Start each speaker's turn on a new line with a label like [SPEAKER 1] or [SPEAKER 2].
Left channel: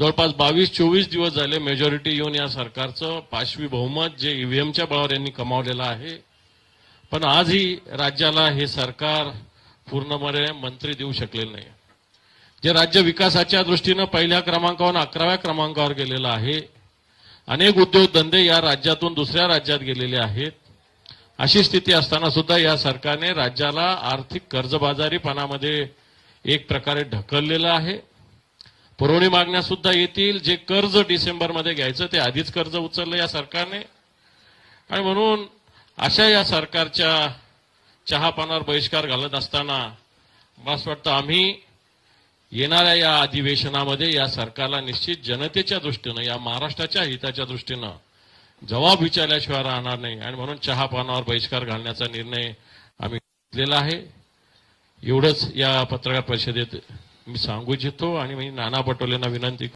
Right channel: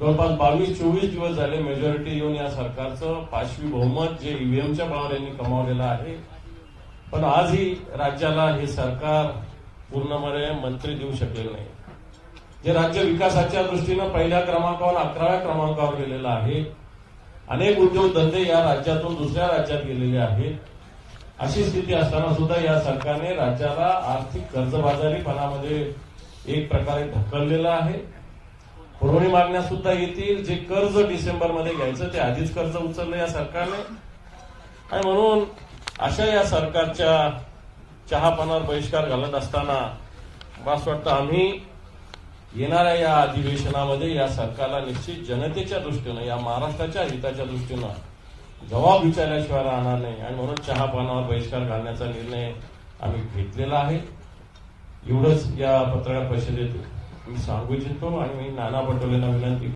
[SPEAKER 1] जवळपास बावीस चोवीस दिवस झाले मेजॉरिटी येऊन या सरकारचं पाचवी बहुमत जे ईव्हीएमच्या बळावर यांनी कमावलेलं आहे. पण आजही राज्याला हे सरकार पूर्णपणे मंत्री देऊ शकलेलं नाही. जे राज्य विकासाच्या दृष्टीनं पहिल्या क्रमांकावर अकराव्या क्रमांकावर गेलेलं आहे अनेक उद्योगधंदे या राज्यातून दुसऱ्या राज्यात गेलेले आहेत. अशी स्थिती असताना सुद्धा या सरकारने राज्याला आर्थिक कर्जबाजारीपणामध्ये एक प्रकारे ढकललेलं आहे. पुरवणी मागण्या सुद्धा येतील. जे कर्ज डिसेंबरमध्ये घ्यायचं ते आधीच कर्ज उचललं या सरकारने. आणि म्हणून अशा या सरकारच्या चहापानावर बहिष्कार घालत असताना मला असं वाटतं आम्ही येणाऱ्या या अधिवेशनामध्ये या सरकारला निश्चित जनतेच्या दृष्टीनं या महाराष्ट्राच्या हिताच्या दृष्टीनं जबाब विचारल्याशिवाय राहणार नाही. आणि म्हणून चहापानावर बहिष्कार घालण्याचा निर्णय आम्ही घेतलेला आहे. एवढंच या पत्रकार परिषदेत मी सांगू इच्छितो आणि मी नाना पटोलेंना विनंती